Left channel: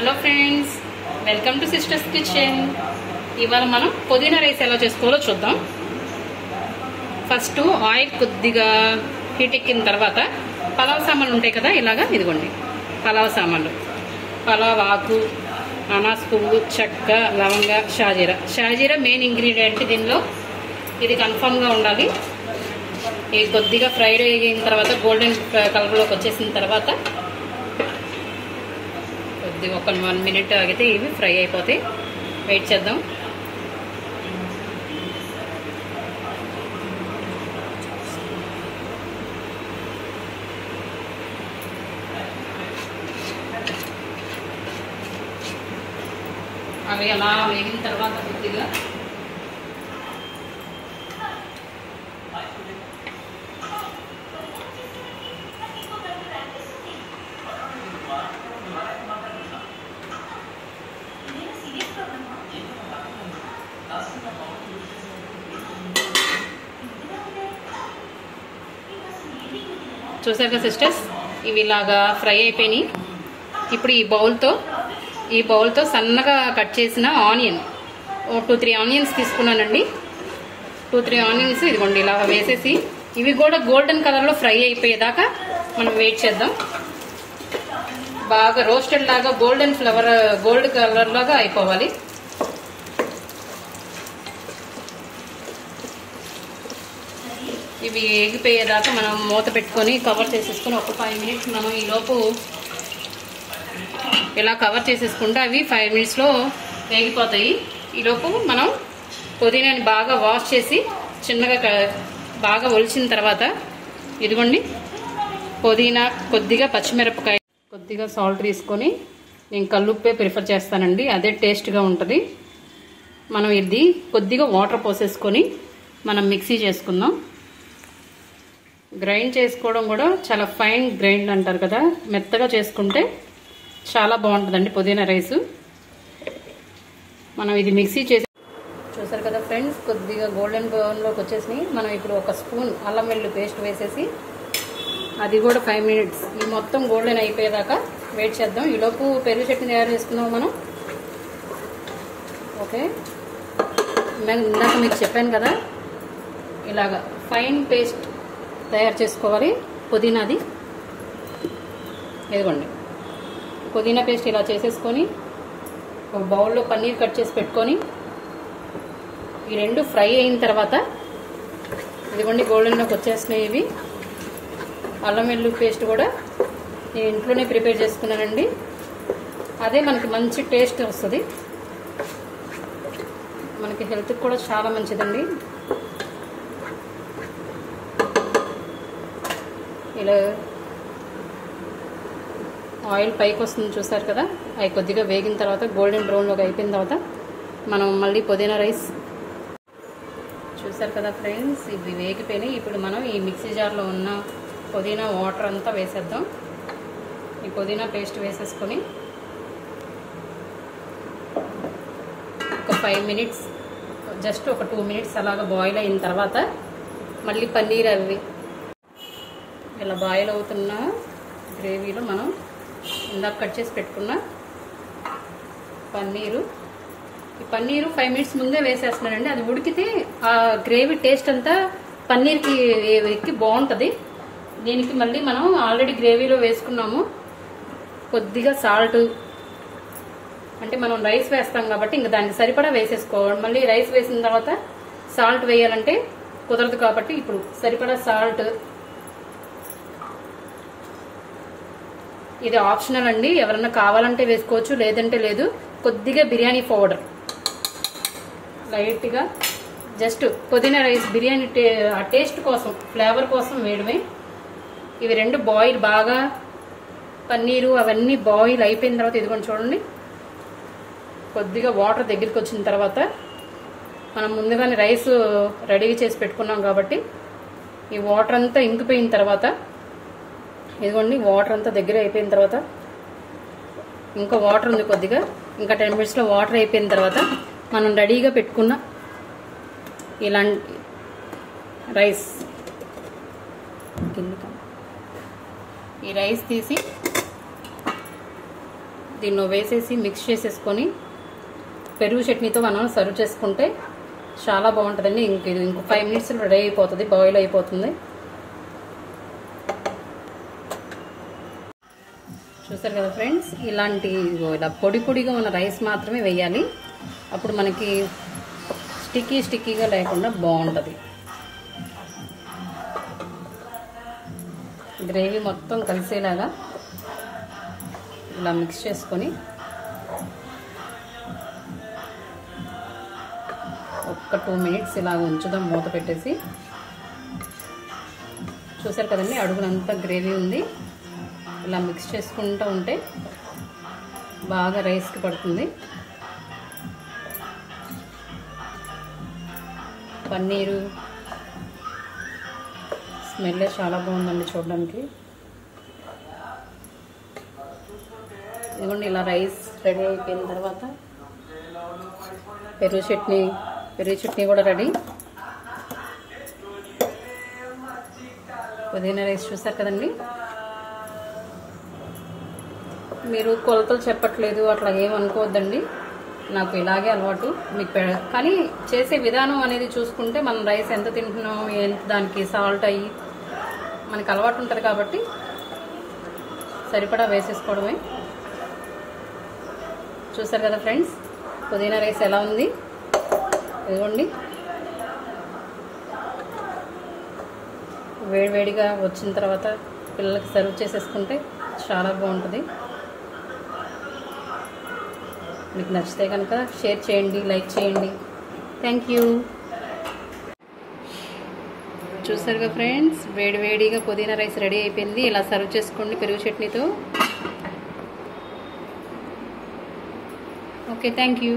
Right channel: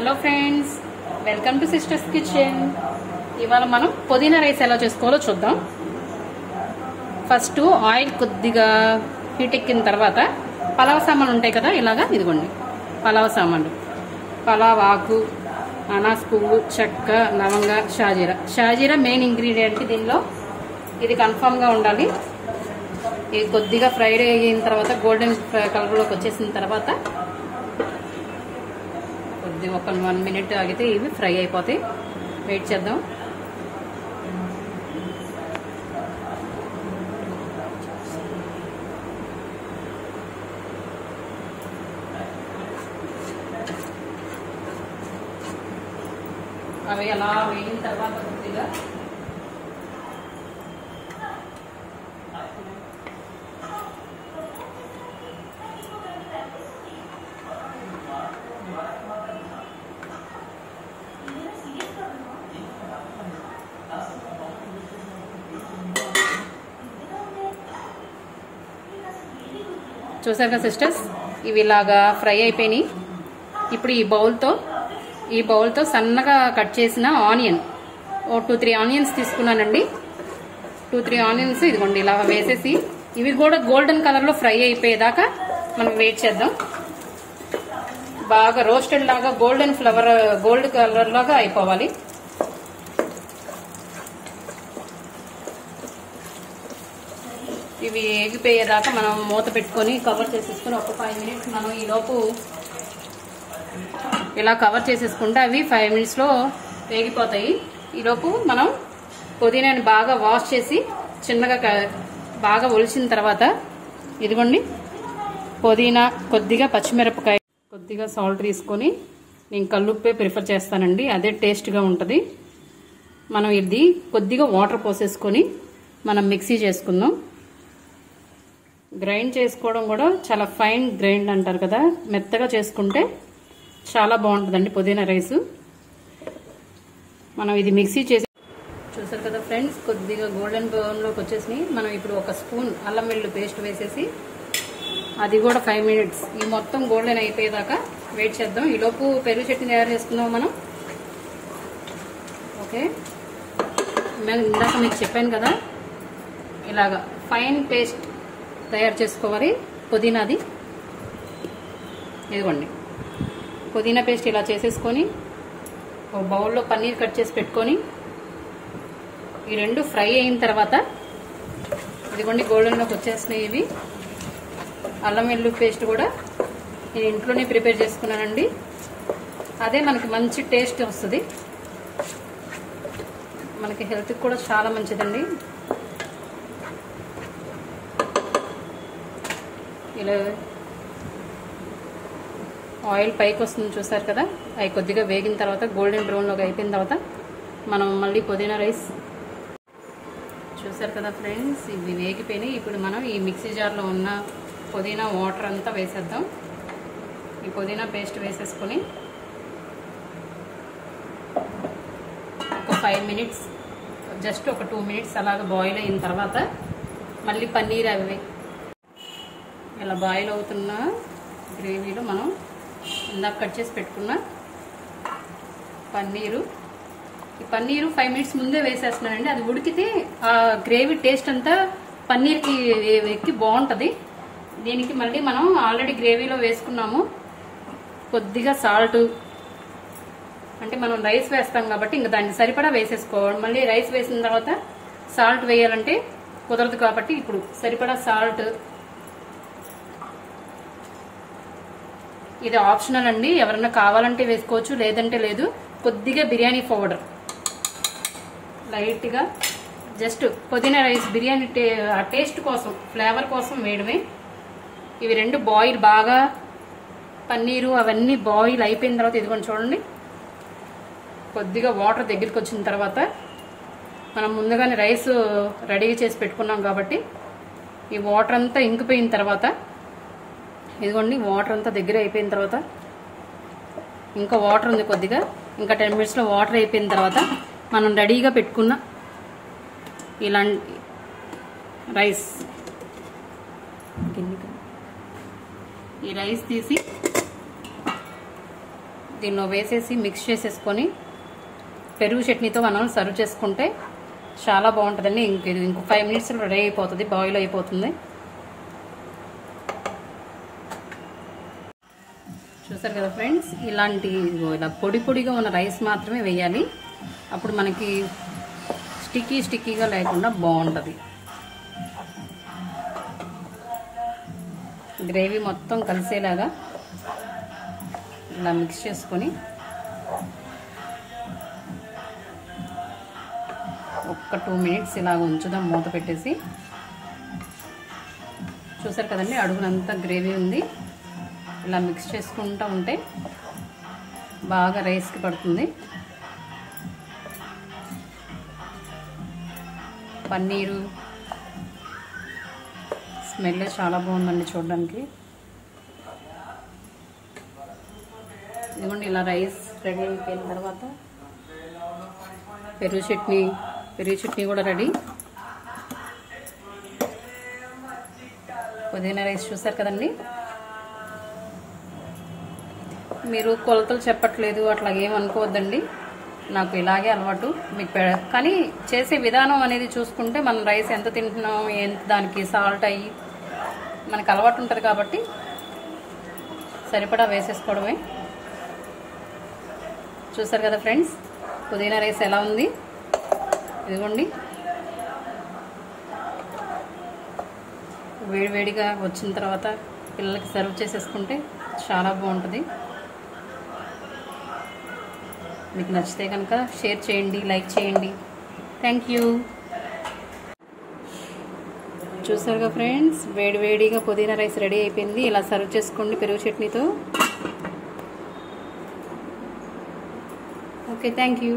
Hello friends, welcome to sisters kitchen. ఇవాళ మనం పుదీనా రైస్ ఎలా చేసుకోవాలో చూద్దాం. ఫస్ట్ ఆయిల్ కొద్దిగా హీట్ ఎక్కిన తర్వాత పలావ్ సామాన్లు ఉంటాయి కదా, ఇలాగా ఇదిగోండి పలావ్ సామాన్లు. పలావ్ ఆకు, అనాస్ పువ్వు, చెక్క, లవంగ, షాజీరా మెయిన్ ఇంగ్రీడియంట్ దీనిలో. ఇది కన్ఫామ్గా ఉండాలి. ఇది కొద్దిగా ఫ్రైడ్ అయిన తర్వాత గోల్డెన్ కలర్లోకి వచ్చేసిన తర్వాత ఒక 1 మినిట్ ఆగితే ఇవి ఫ్రై అయిపోతాయి. వెయిట్ చేద్దాం. అవి అలా వేగిన తర్వాత కొద్దిగా చూసారు కదా సిస్టర్స్, ఇవి ఇలాగా ఫ్రై అయిపోయినాయి. ఇప్పుడు ఈ బౌల్తో సన్నగా కట్ చేసిన ఆనియన్, 2-3 ఆనియన్స్ తీసుకున్నానండి. 2-3 ఆనియన్స్ ఇదిగోండి ఇలాగా వేసేసి ఇవి కూడా గోల్డెన్ కలర్లో ఫ్రై అయిపోయేదాకా మనం వెయిట్ చేద్దాం. బాగా రోస్టెడ్ లాగా గోల్డ్ కలర్ లాగా అయిపోవాలి. ఇవి ఎగిపోయేదాకా మనం మూత పెట్టుకొని కవర్ చేసేసుకొని ఒక 5 మినిట్స్ మనం ఈలోపు ఇలా కవర్ చేసేసుకుంటే అవి 5 మినిట్స్లో వేగిపోతాయి. ఈలోపు మనం పుదీనాని బాగా వాష్ చేసి చిన్నగా బాగా ఒలిచిన తర్వాత ఇదిగోండి పుదీనా, కొద్దిగా పచ్చిమిరపకాయ, కొద్దిగా సాల్ట్ తీసుకొని, నేను కల్లుప్పే ప్రిఫర్ చేస్తానండి, అదే టేస్ట్గా ఉంటుంది. మనం ఇది కొద్దిగా వాటర్ పోసేసుకొని మనం మిక్సీ చేసుకుందాం. గ్రైండ్ చేసుకోవడం కూడా చాలా ఫైన్ గ్రైండ్ అంటారు కదా, మెత్తగా చేసుకుంటే చాలా బాగుంటుందండి పుదీనా రైసు. మనం ఇది మిక్సీ చేసి చూసారు కదా ఫ్రెండ్స్, కొద్దిగా గోల్డెన్ బ్రౌన్లోకి వచ్చేసినాయి. మనం ఇప్పుడు 1 స్పూన్ అల్లం వెల్లుల్లి పేస్ట్ వేసేసి అది కూడా 5 మినిట్స్ ఈ మొత్తం గోల్డెన్ అయిపోయేదాకా వెయిట్ చేద్దాం. ఈలోపు పెరుగు చట్నీ తయారు చేసుకున్నాం మనం. ఓకే, ఇందాక మీకు చెప్పాను కదా, ఇలాగా ఫైన్ పేస్ట్ తయారు చేసుకోవాలి పుదీనాది. ఇదిగోండి పుదీనా పేస్ట్ ఇలా చేసేసుకొని ఒక బౌల్లో పన్నీర్ కట్ చేసి పెట్టుకొని ఈ రెండు ఫ్రై అయిన తర్వాత ఇదిగోండి గోల్డెన్లోకి వచ్చేస్తున్నాయి ఇవి. అల్లం వెల్లుల్లి పేస్ట్ కూడా నేను ఇంట్లోనే ప్రిపేర్ చేసుకున్నానండి, అదే మనకి మంచి టేస్ట్ వస్తుంది, మనకి హెల్త్కి కూడా చాలా మంచిదండి. ఇలా ఆయిల్ పైకి వస్తుంది చూసారు కదా, అవి కొద్దిగా వేగిన తర్వాత గోల్డెన్ బ్రౌన్లోకి అయిపోయిన తర్వాత మనం మళ్ళీ పుదీనా రైస్ చూసారు కదా ఫ్రెండ్స్, ఇవి వేగిపోయినాయి. ఇప్పుడు మనం ఈ మిక్సీ జార్లో ఉన్న పుదీనా వాటర్ అంతా వేసేద్దాం. ఈ పుదీనా పేస్ట్ వేసేసుకొని ఒక 5 మినిట్స్, జస్ట్ ఒక 2 మినిట్స్ అలాగ బాయిల్ అయిన తర్వాత మళ్ళీ పన్నీర్ అవి ఇలా బాయిల్ అవుతున్న గ్రేవీలో మనం ఇందాక కట్ చేసి పెట్టుకున్న పన్నీరు, ఈ పన్నీరు 5 మినిట్స్ ముందే వేసేస్తున్నానండి. అది ఉడికితే ఆ గ్రేవీ టేస్ట్ అంతా పన్నీర్కి ఎక్కి బాగుంటుంది. దీనికి మళ్ళీ మనం ఆల్రెడీ గ్రేవీలో వేసుకున్నాము కొద్దిగా సాల్ట్, అంటే మనం రైస్ వేస్తాం కాబట్టి ఇంకా దానికి సరిపడా వేసేసుకోవాలి. మళ్ళీ రైస్ వేసిన తర్వాత సాల్ట్ వేయాలంటే కుదరదు కాబట్టి ఇప్పుడు సరిపడా సాల్ట్. ఇది ఆప్షనల్ అండి, ఎవరన్నా కావాలంటే వేసుకోవచ్చు, లేదంటే లేదు. కొద్దిగా బిర్యానీ పౌడర్ లైట్గా, జస్ట్ పుదీనా రైస్ బిర్యానీ టేస్ట్ కోసం, ఫ్లేవర్ కోసం వేయడమే. ఇవి రెండు బాయిల్ బాగా పన్నీరు అవన్నీ బాయిల్ అయిపోయిన తర్వాత ఇదిగోండి చూడండి కొద్దిగా వాటర్ దగ్గరికి వచ్చిన తర్వాత మనం ముందుగానే రైస్ రెడీ చేసి పెట్టుకున్నాం కాబట్టి ఈ వాటర్ అంతా ఇంకిపోయిన తర్వాత ఇదిగోండి వాటర్ అంతా దగ్గర అయిపోయిన తర్వాత ఇంకా వాటర్ ఉంది కొద్దిగా, ఇంకా 10 మినిట్స్లో వాటర్ అయిపోయిన తర్వాత మనం రెడీగా పెట్టుకున్న ఇలాంటి రైస్, ఈ రైస్ తీసి దీనిలో వేసేసి మిక్స్ చేసేసుకొని పెరుగు చట్నీతో మనం సర్వ్ చేసుకుంటే చాలా బాగుంటుందండి. ఇంకో 5 మినిట్స్ రెడీ అయిపోతుంది, బాయిల్ అయిపోతుంది. చూసారు కదా ఫ్రెండ్స్, ఇలా పొడి పొడిగా ఉన్న రైస్ మాత్రమే వేయాలి. అప్పుడు మనకి స్టిక్కీగా లేకుండా బాగుంటుంది. గ్రేవీ మొత్తం కలిసేలాగా ఇలా మిక్స్ చేసుకొని ఒక్క 2 మినిట్స్ ఇలా ఉంచుదాం మూత పెట్టేసి. చూసారు కదండి, అడుగునంతా గ్రేవీ ఉంది. ఇలా మిక్స్ చేసుకుంటూ ఉంటే బాగా రైస్కి పడుతుంది. పన్నీరు స్మెల్ చాలా బాగుందండి చూడడానికి. ఇదిగోండి, ఇలా రైస్ రెడీ అయిపోయిన తర్వాత పెరుగు చట్నీ కూడా రెడీ. పుదీనా రైస్ చూసారు కదండి. మీరు కొలతలు చెప్పట్లేదు అట్లా ఏమనుకోవద్దండి, నాకు ఇలాగే అలవాటు. మీకు కానీ చేసే విధానం అనేది చూసుకుంటే మనం రైస్ ఎంత తింటున్నాం, ఎంత దానికి సాల్ట్ అయ్యి మనకు అలవాటు ఉంటుంది కాబట్టి సరిపడా వేసేసుకోవడమే. చూసారు కదా ఫ్రెండ్స్, పుదీనా రైస్ ఎలా ఉంది. ఇదిగోండి, వేడివేడిగా వచ్చిన తర్వాత పిల్లలకి సర్వ్ చేసేసుకుంటే చాలా బాగుంటుంది. మీకు నచ్చితే కనుక షేర్ చేయండి, లైక్ చేయండి. Thank you. చూసారుగా ఫ్రెండ్స్, వేడివేడిగా పుదీనా రైస్ రెడీ అయిపోయింది. ఇలా సర్వ్ చేసుకోండి పెరుగు చట్నీతో. Okay, thank you.